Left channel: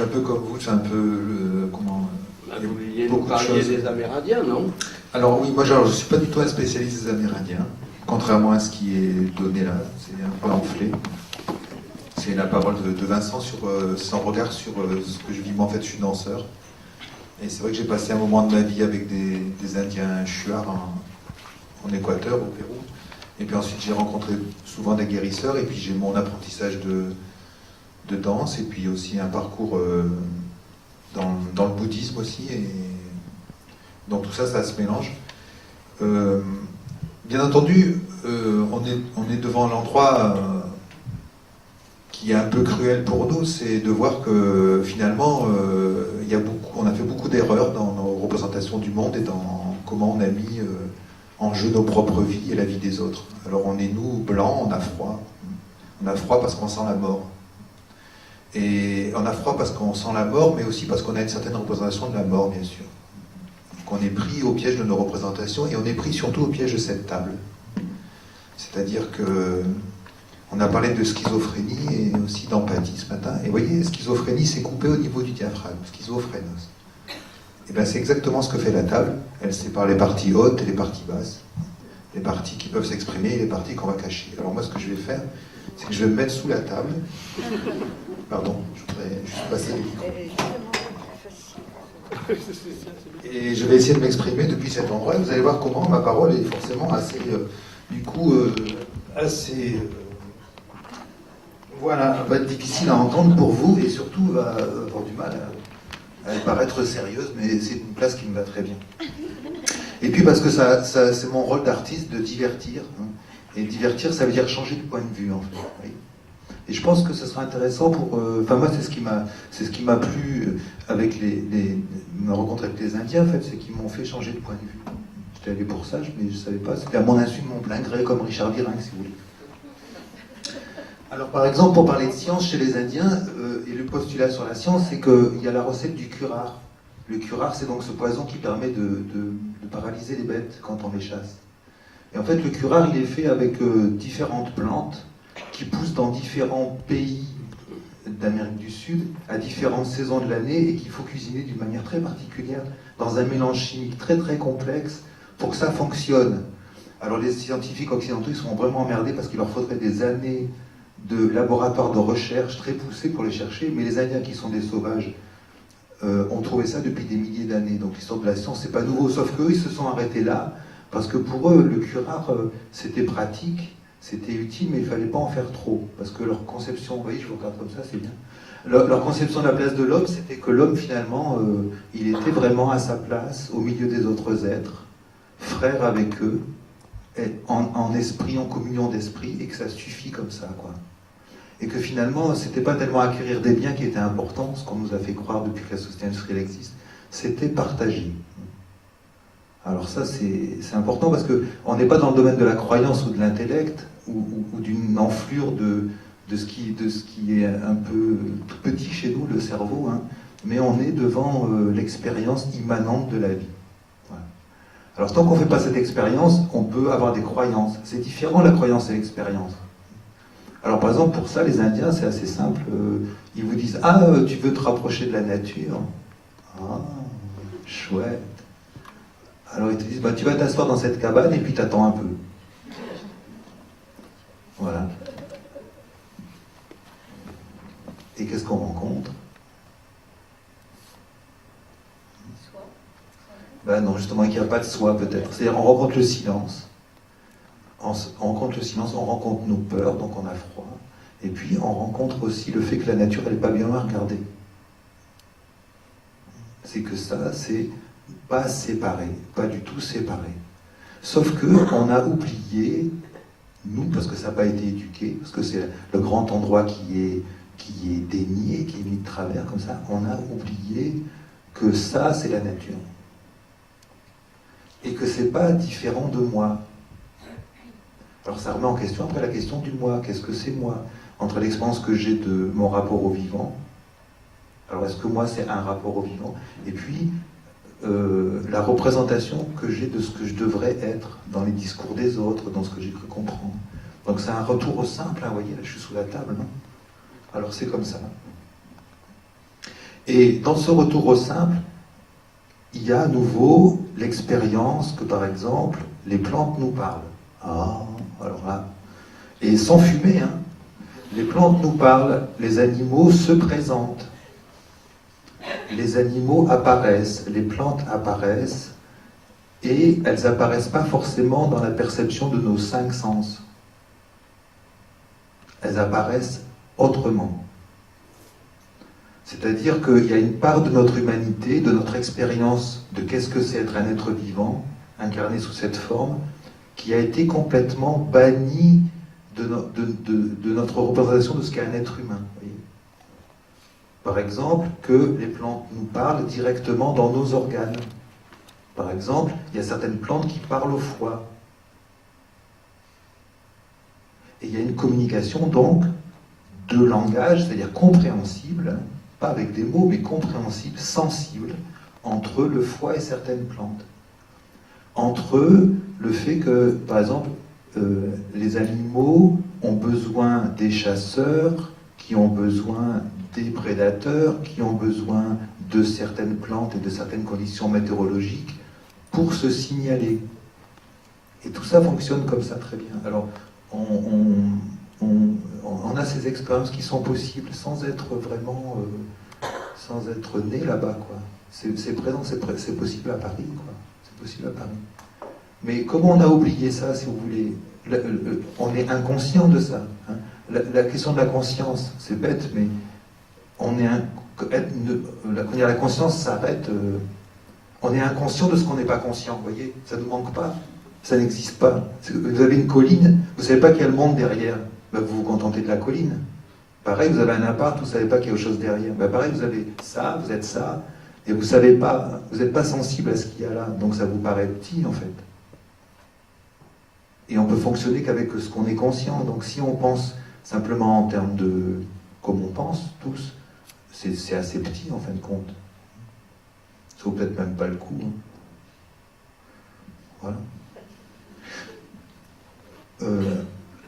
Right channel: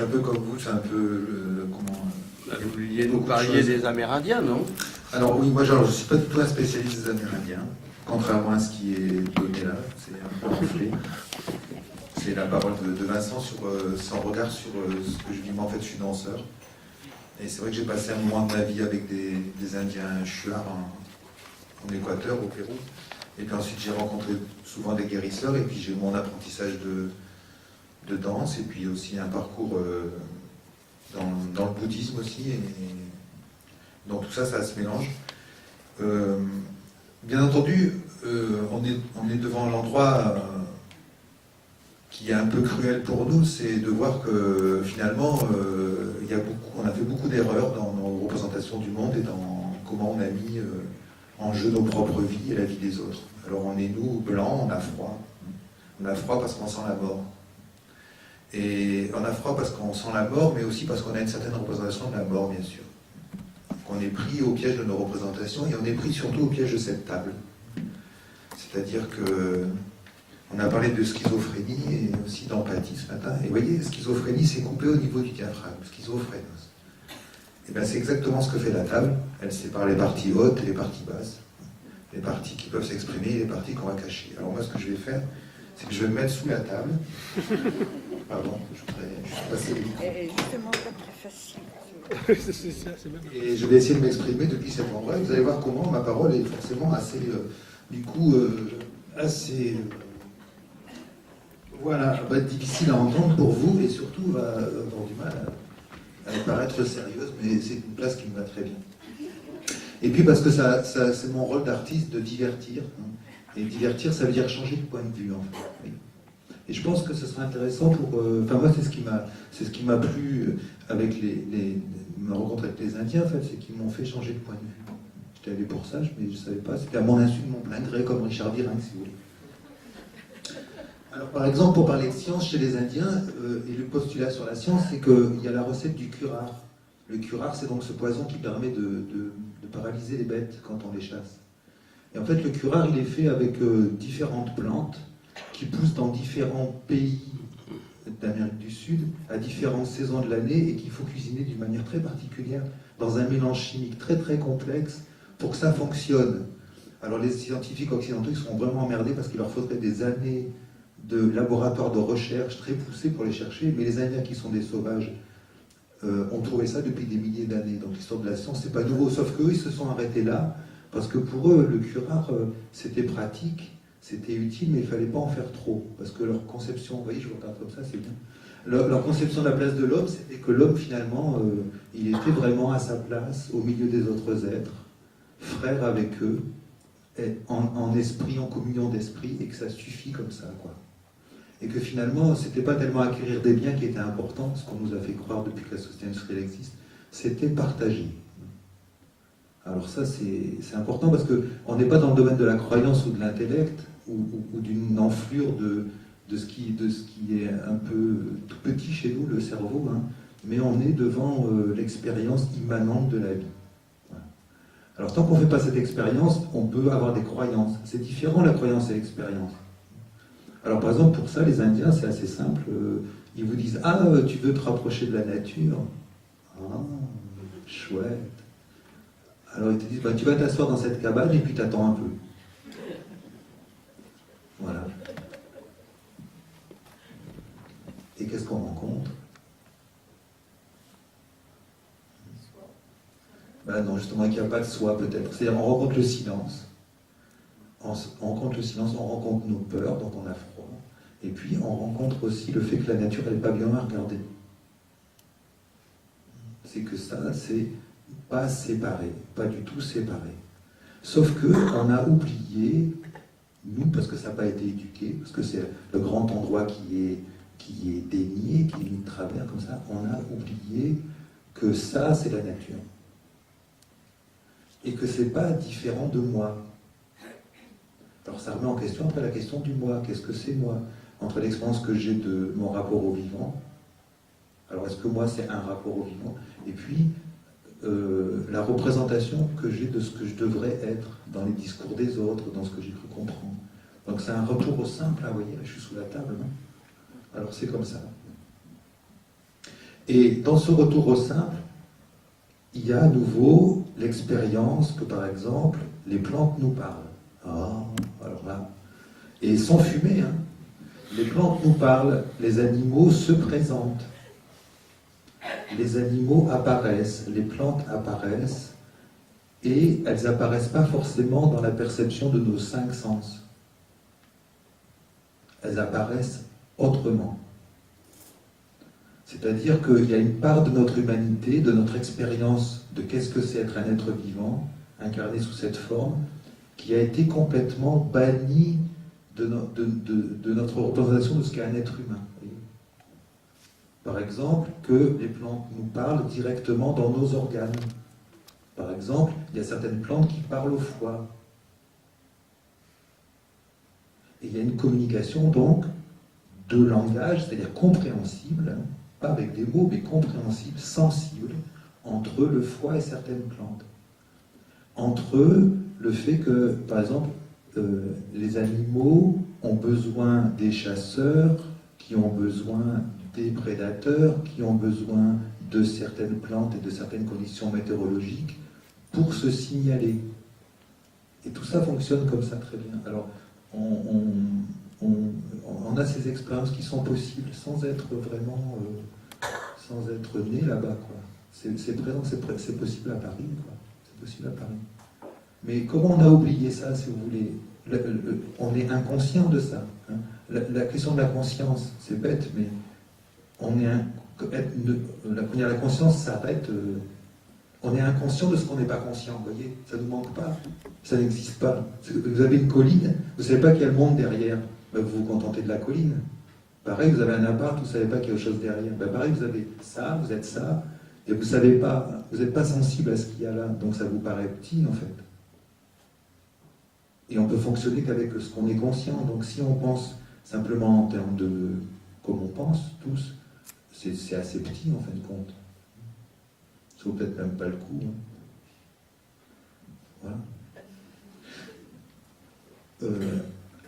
suis un peu comme vous, c'est un peu comment. Vous vouliez nous parler des Amérindiens, non? Alors oui, moi je ne suis pas du tout un spécialiste des Amérindiens, contrairement à ce qui est donné là, c'est un peu enflé. C'est la parole de Vincent sur son regard sur ce que je vis. Moi en fait je suis danseur. Et c'est vrai que j'ai passé un moment de ma vie avec des Indiens Shuar en Équateur, au Pérou. Et puis ensuite j'ai rencontré souvent des guérisseurs et puis j'ai mon apprentissage de danse et puis aussi un parcours dans le bouddhisme aussi. Et donc tout ça, ça se mélange. Bien entendu, on est devant l'endroit qui est un peu cruel pour nous, c'est de voir que finalement, on a fait beaucoup d'erreurs dans nos représentations du monde et dans comment on a mis en jeu nos propres vies et la vie des autres. Alors on est nous, blancs, on a froid. On a froid parce qu'on sent la mort. Et on a froid parce qu'on sent la mort, mais aussi parce qu'on a une certaine représentation de la mort, bien sûr. Donc on est pris au piège de nos représentations et on est pris surtout au piège de cette table. C'est-à-dire que on a parlé de schizophrénie et aussi d'empathie ce matin. Et vous voyez, schizophrénie, c'est coupé au niveau du diaphragme, schizophrénose. Et bien c'est exactement ce que fait la table. Elle sépare les parties hautes et les parties basses. Les parties qui peuvent s'exprimer et les parties qu'on va cacher. Alors moi, ce que je vais faire, c'est que je vais me mettre sous la table. Pardon, je voudrais juste passer les micros. Et je vais essayer de m'exprimer depuis cet endroit. Vous allez voir comment ma parole est forcément assez, voilà, va être difficile à entendre pour vous et surtout va avoir du mal à paraître sérieuse, mais c'est une place qui me va très bien. Et puis parce que c'est mon rôle d'artiste de divertir. Hein. Et divertir, ça veut dire changer de point de vue, en fait. Oui. Et je pense que ce sera intéressant pour... Enfin, moi, c'est ce qui m'a plu avec ma rencontre avec les Indiens, en fait, c'est qu'ils m'ont fait changer de point de vue. J'étais allé pour ça, mais je ne savais pas. C'était à mon insu, de mon plein gré, comme Richard Virin, si vous voulez. Alors, par exemple, pour parler de science chez les Indiens, et le postulat sur la science, c'est qu'il y a la recette du curare. Le curare, c'est donc ce poison qui permet de paralyser les bêtes quand on les chasse. Et en fait, le curare, il est fait avec différentes plantes qui poussent dans différents pays d'Amérique du Sud, à différentes saisons de l'année, et qu'il faut cuisiner d'une manière très particulière, dans un mélange chimique très très complexe, pour que ça fonctionne. Alors les scientifiques occidentaux, ils sont vraiment emmerdés parce qu'il leur faudrait des années de laboratoires de recherche très poussés pour les chercher, mais les Indiens qui sont des sauvages ont trouvé ça depuis des milliers d'années. Donc l'histoire de la science, c'est pas nouveau, sauf qu'eux, ils se sont arrêtés là, parce que pour eux, le curare, c'était pratique, c'était utile, mais il ne fallait pas en faire trop, parce que leur conception, vous voyez, je vous regarde comme ça, c'est bien. Leur conception de la place de l'homme, c'était que l'homme, finalement, il était vraiment à sa place, au milieu des autres êtres, frère avec eux, et en esprit, en communion d'esprit, et que ça suffit comme ça, quoi. Et que finalement, c'était pas tellement acquérir des biens qui était important, ce qu'on nous a fait croire depuis que la société industrielle existe, c'était partager. Alors ça, c'est important parce qu'on n'est pas dans le domaine de la croyance ou de l'intellect, ou d'une enflure de ce qui est un peu tout petit chez nous, le cerveau, hein, mais on est devant l'expérience immanente de la vie. Voilà. Alors tant qu'on ne fait pas cette expérience, on peut avoir des croyances. C'est différent la croyance et l'expérience. Alors par exemple, pour ça, les Indiens, c'est assez simple. Ils vous disent « Ah, tu veux te rapprocher de la nature ?»« Ah, chouette. » Alors ils te disent bah, « Tu vas t'asseoir dans cette cabane et puis t'attends un peu. » Voilà. Et qu'est-ce qu'on rencontre? Ben non, justement, qu'il n'y a pas de soi, peut-être. C'est-à-dire, on rencontre le silence. On rencontre le silence, on rencontre nos peurs, donc on a froid. Et puis, on rencontre aussi le fait que la nature, elle n'est pas bien à regarder. C'est que ça, c'est pas séparé, pas du tout séparé. Sauf qu'on a oublié, nous, parce que ça n'a pas été éduqué, parce que c'est le grand endroit qui est dénié, qui est mis de travers comme ça, on a oublié que ça, c'est la nature. Et que c'est pas différent de moi. Alors ça remet en question après la question du moi. Qu'est-ce que c'est moi? Entre l'expérience que j'ai de mon rapport au vivant, alors est-ce que moi c'est un rapport au vivant? Et puis la représentation que j'ai de ce que je devrais être dans les discours des autres, dans ce que j'ai cru comprendre. Donc c'est un retour au simple, hein, vous voyez, là je suis sous la table, non? Alors c'est comme ça. Et dans ce retour au simple, il y a à nouveau l'expérience que, par exemple, les plantes nous parlent. Ah, alors là, et sans fumer, hein. Les plantes nous parlent, les animaux se présentent, les animaux apparaissent, les plantes apparaissent, et elles apparaissent pas forcément dans la perception de nos 5 sens. Elles apparaissent autrement. C'est-à-dire qu'il y a une part de notre humanité, de notre expérience de qu'est-ce que c'est être un être vivant, incarné sous cette forme, qui a été complètement bannie de notre représentation de ce qu'est un être humain. Voyez. Par exemple, que les plantes nous parlent directement dans nos organes. Par exemple, il y a certaines plantes qui parlent au foie. Et il y a une communication donc de langage, c'est-à-dire compréhensible, pas avec des mots, mais compréhensible, sensible, entre le foie et certaines plantes. Entre eux, le fait que, par exemple, les animaux ont besoin des chasseurs, qui ont besoin des prédateurs, qui ont besoin de certaines plantes et de certaines conditions météorologiques pour se signaler. Et tout ça fonctionne comme ça très bien. Alors, on a ces expériences qui sont possibles sans être vraiment, sans être né là-bas, quoi. C'est présent, c'est possible à Paris, quoi. C'est possible à Paris. Mais comment on a oublié ça, si vous voulez? On est inconscient de ça. Hein. La question de la conscience, c'est bête, mais la conscience s'arrête. On est inconscient de ce qu'on n'est pas conscient, vous voyez? Ça ne nous manque pas. Ça n'existe pas. Vous avez une colline, vous ne savez pas qu'il y a le monde derrière. Ben, vous vous contentez de la colline. Pareil, vous avez un appart, vous ne savez pas qu'il y a autre chose derrière. Ben, pareil, vous avez ça, vous êtes ça, et vous savez pas, vous n'êtes pas sensible à ce qu'il y a là. Donc ça vous paraît petit, en fait. Et on peut fonctionner qu'avec ce qu'on est conscient. Donc si on pense simplement en termes de... comme on pense, tous, c'est assez petit, en fin de compte. Ça vaut peut-être même pas le coup. Hein. Voilà.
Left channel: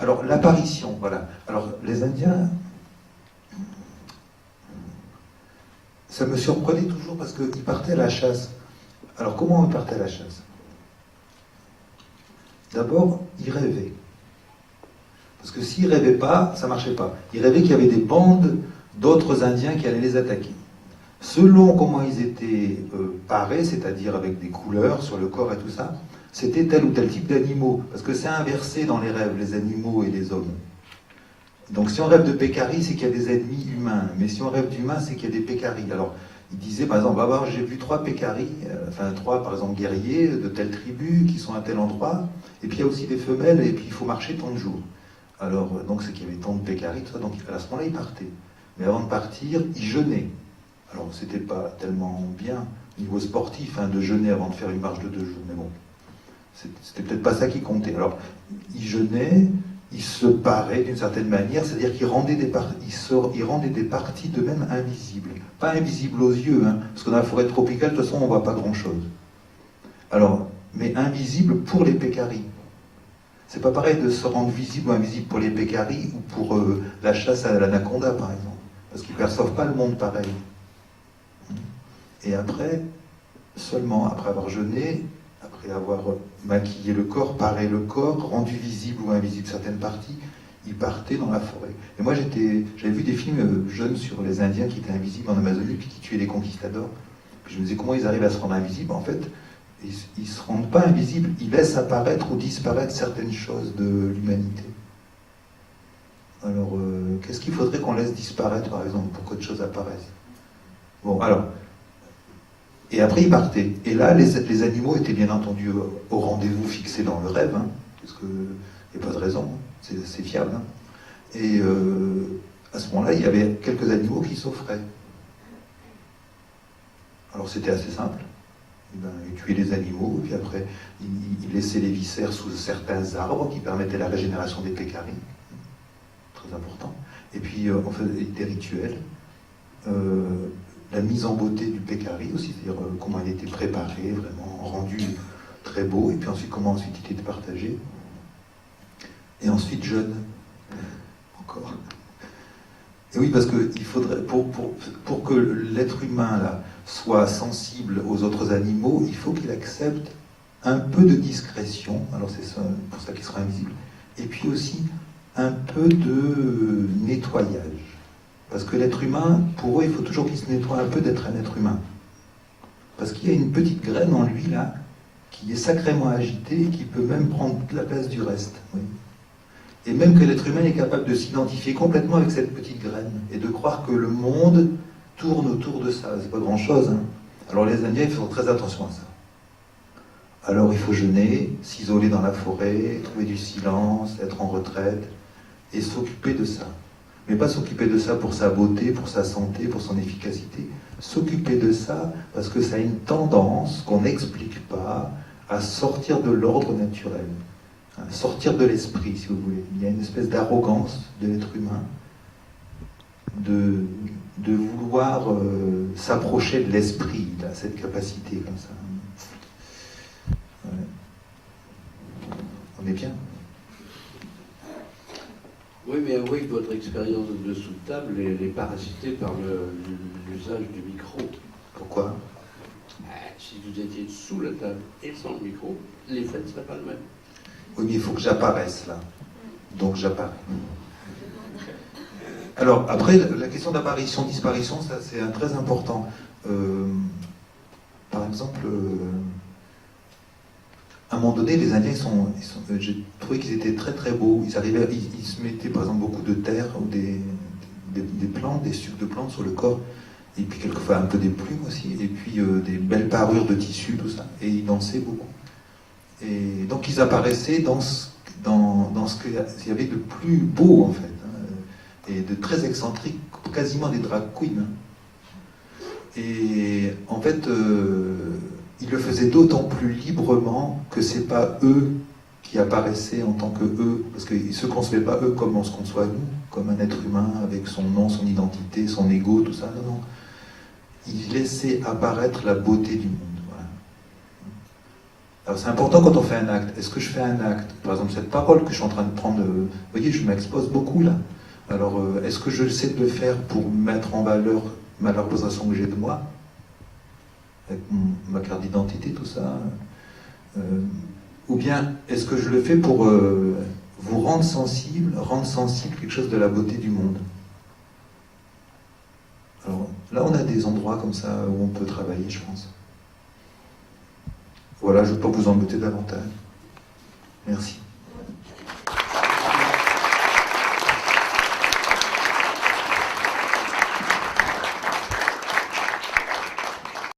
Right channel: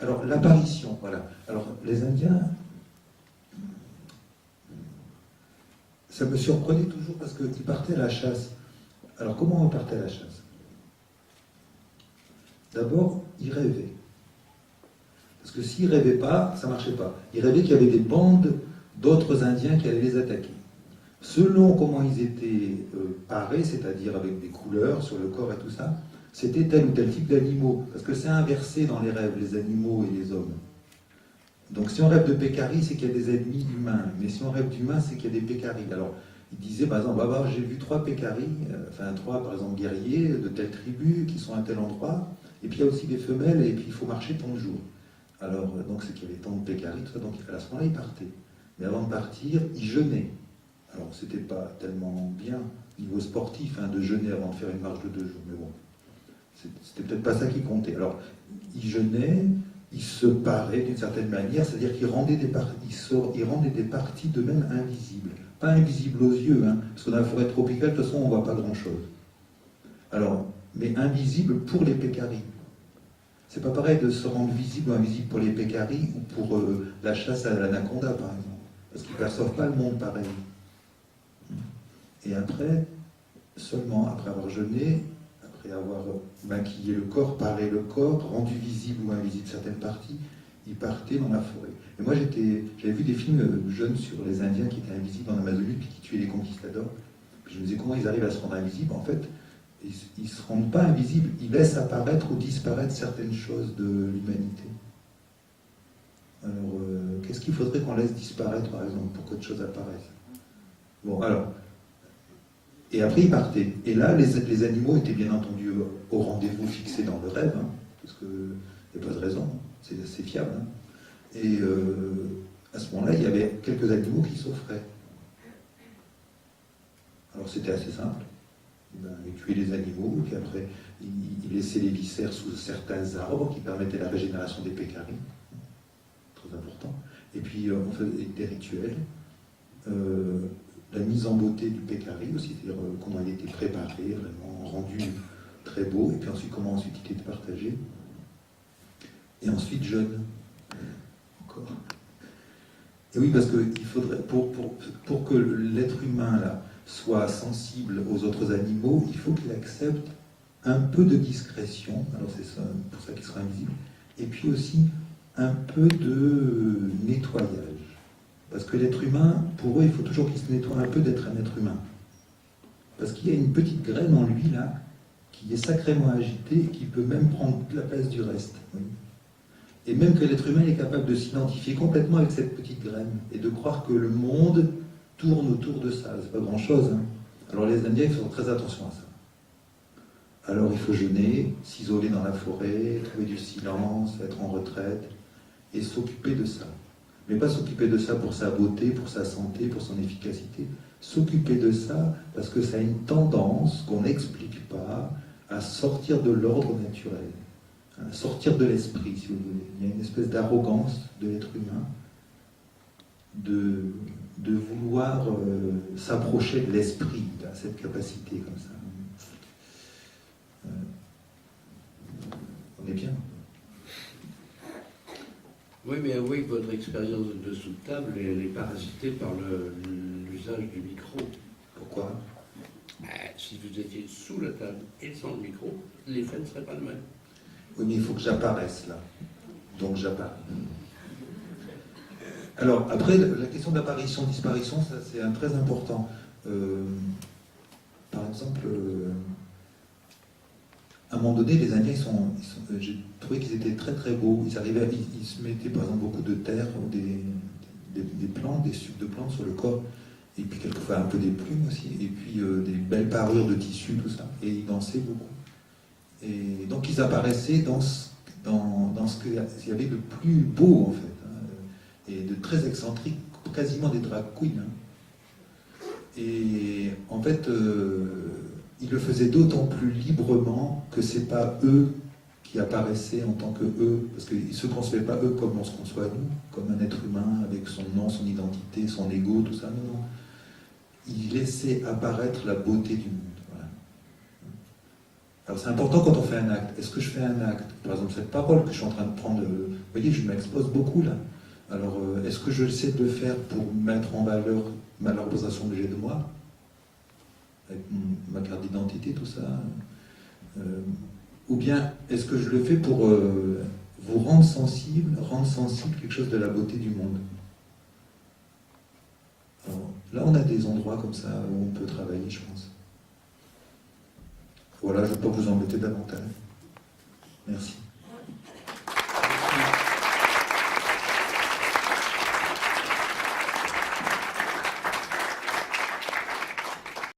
Alors, l'apparition, voilà. Alors, les Indiens, ça me surprenait toujours parce qu'ils partaient à la chasse. Alors, comment ils partaient à la chasse? D'abord, ils rêvaient. Parce que s'ils ne rêvaient pas, ça ne marchait pas. Ils rêvaient qu'il y avait des bandes d'autres Indiens qui allaient les attaquer. Selon comment ils étaient parés, c'est-à-dire avec des couleurs sur le corps et tout ça, c'était tel ou tel type d'animaux. Parce que c'est inversé dans les rêves, les animaux et les hommes. Donc si on rêve de pécari, c'est qu'il y a des ennemis humains. Mais si on rêve d'humains, c'est qu'il y a des pécaris. Alors, il disait, par exemple, j'ai vu 3 pécaris, enfin 3, par exemple, guerriers de telle tribu qui sont à tel endroit. Et puis il y a aussi des femelles, et puis il faut marcher tant de jours. Alors, donc c'est qu'il y avait tant de pécaris, tout ça. Donc à ce moment-là, ils partaient. Mais avant de partir, ils jeûnaient. Alors, c'était pas tellement bien, niveau sportif, hein, de jeûner avant de faire une marche de 2 jours. Mais bon. C'était peut-être pas ça qui comptait. Alors, ils jeûnaient, ils se paraient d'une certaine manière, c'est-à-dire qu'ils rendaient des parties d'eux-mêmes invisibles. Pas invisibles aux yeux, hein, parce que dans la forêt tropicale, de toute façon, on ne voit pas grand-chose. Alors, mais invisibles pour les pécaris. C'est pas pareil de se rendre visible ou invisible pour les pécaris ou pour la chasse à l'anaconda, par exemple. Parce qu'ils ne perçoivent pas le monde pareil. Et après, seulement après avoir jeûné, après avoir maquillé le corps, paré le corps, rendu visible ou invisible certaines parties, ils partaient dans la forêt. Et moi, j'avais vu des films jeunes sur les Indiens qui étaient invisibles en Amazonie, puis qui tuaient les conquistadors. Puis je me disais, comment ils arrivent à se rendre invisibles? En fait, ils ne se rendent pas invisibles, ils laissent apparaître ou disparaître certaines choses de l'humanité. Alors, qu'est-ce qu'il faudrait qu'on laisse disparaître, par exemple, pour qu'autre chose apparaisse? Bon, alors... Et après, ils partaient. Et là, les animaux étaient bien entendu au rendez-vous fixé dans le rêve, hein, parce qu'il n'y a pas de raison, c'est fiable. Hein. Et à ce moment-là, il y avait quelques animaux qui s'offraient. Alors c'était assez simple. Ils tuaient les animaux, puis après, ils laissaient les viscères sous certains arbres qui permettaient la régénération des pécaris. Très important. Et puis, on faisait des rituels. La mise en beauté du pécari aussi, c'est-à-dire comment il était préparé, vraiment rendu très beau, et puis ensuite comment ensuite il était partagé. Et ensuite jeûne, encore. Et oui, parce que il faudrait, pour que l'être humain là, soit sensible aux autres animaux, il faut qu'il accepte un peu de discrétion, alors c'est pour ça qu'il sera invisible, et puis aussi un peu de nettoyage. Parce que l'être humain, pour eux, il faut toujours qu'il se nettoie un peu d'être un être humain. Parce qu'il y a une petite graine en lui, là, qui est sacrément agitée et qui peut même prendre toute la place du reste. Oui. Et même que l'être humain est capable de s'identifier complètement avec cette petite graine et de croire que le monde tourne autour de ça. C'est pas grand-chose. Hein. Alors les Indiens, ils font très attention à ça. Alors il faut jeûner, s'isoler dans la forêt, trouver du silence, être en retraite et s'occuper de ça. Mais pas s'occuper de ça pour sa beauté, pour sa santé, pour son efficacité. S'occuper de ça parce que ça a une tendance qu'on n'explique pas à sortir de l'ordre naturel, à sortir de l'esprit, si vous voulez. Il y a une espèce d'arrogance de l'être humain de vouloir s'approcher de l'esprit, là, cette capacité comme ça. On est bien. Oui, mais avouez que votre expérience de dessous de table, elle est parasitée par l'usage du micro. Pourquoi ? Si vous étiez sous la table et sans le micro, l'effet ne serait pas le même. Oui, mais il faut que j'apparaisse là. Donc j'apparais. Alors, après, la question d'apparition-disparition, ça c'est très important. Par exemple, à un moment donné, les Indiens, j'ai trouvé qu'ils étaient très très beaux. Ils se mettaient par exemple beaucoup de terre ou des plantes, des sucs de plantes sur le corps. Et puis quelquefois un peu des plumes aussi. Et puis des belles parures de tissu, tout ça. Et ils dansaient beaucoup. Et donc ils apparaissaient dans ce qu'il y avait de plus beau en fait. Hein, et de très excentrique, quasiment des drag queens. Hein. Et en fait... ils le faisaient d'autant plus librement que c'est pas eux qui apparaissaient en tant que eux, parce qu'ils ne se concevaient pas eux comme on se conçoit nous, comme un être humain avec son nom, son identité, son ego, tout ça. Non, non. Ils laissaient apparaître la beauté du monde. Voilà. Alors c'est important quand on fait un acte. Est-ce que je fais un acte ? Par exemple, cette parole que je suis en train de prendre, vous voyez, je m'expose beaucoup là. Alors, est-ce que je sais de le faire pour mettre en valeur la représentation que j'ai de moi ? Avec ma carte d'identité, tout ça. Ou bien, est-ce que je le fais pour vous rendre sensible quelque chose de la beauté du monde ? Alors, là, on a des endroits comme ça où on peut travailler, je pense. Voilà, je ne vais pas vous embêter davantage. Merci.